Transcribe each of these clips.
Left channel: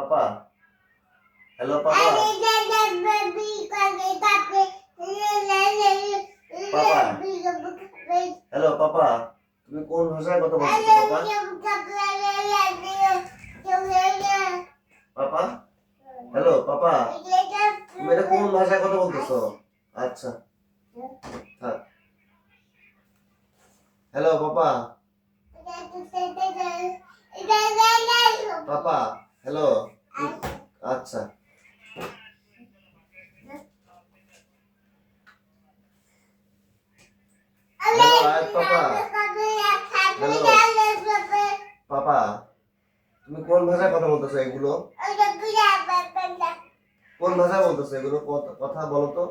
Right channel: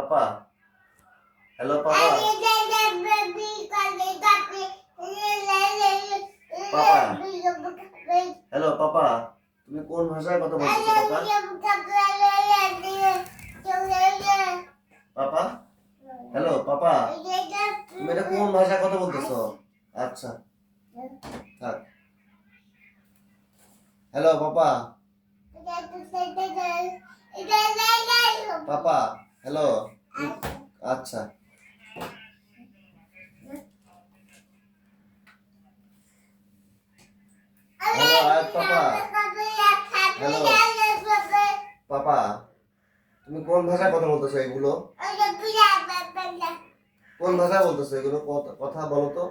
পাপা hello papa পাপা hello papa তুমি কোন ভাষায় কথা বলছো পাপা হ্যালো পাপা তুমি এটা কোন ভাষায় কথা বলতেছো আচ্ছা থাক হ্যালো পাপা পাপা হ্যালো আচ্ছা হ্যালো আয়াত পাপা হ্যালো পাপা তুমি কোন ভাষায় কথা বলতেছো এগুলো কোন ভাষায় বলতেছো এগুলো কথা বলো তো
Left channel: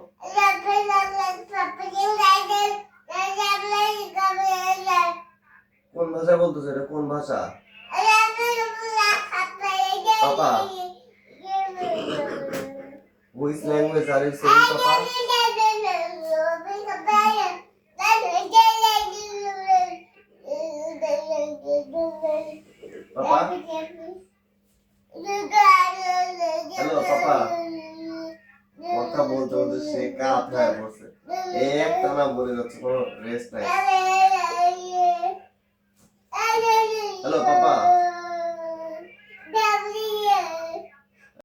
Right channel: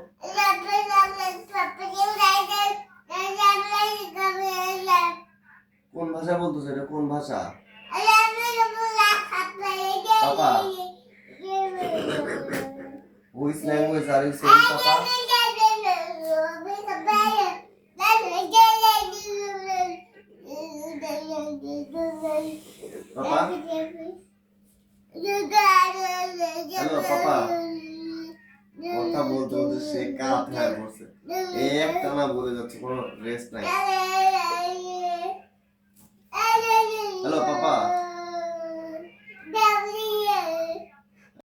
কোন ভাষায় বলতেছো এটা কোন ভাষা পাপা which language are you saying papa papa hello papa কথা বলতে বলতে সে কাপ হয়ে পড়ছে একটানা বলে যাচ্ছে কোনো রেস্ট নাই হ্যালো পাপা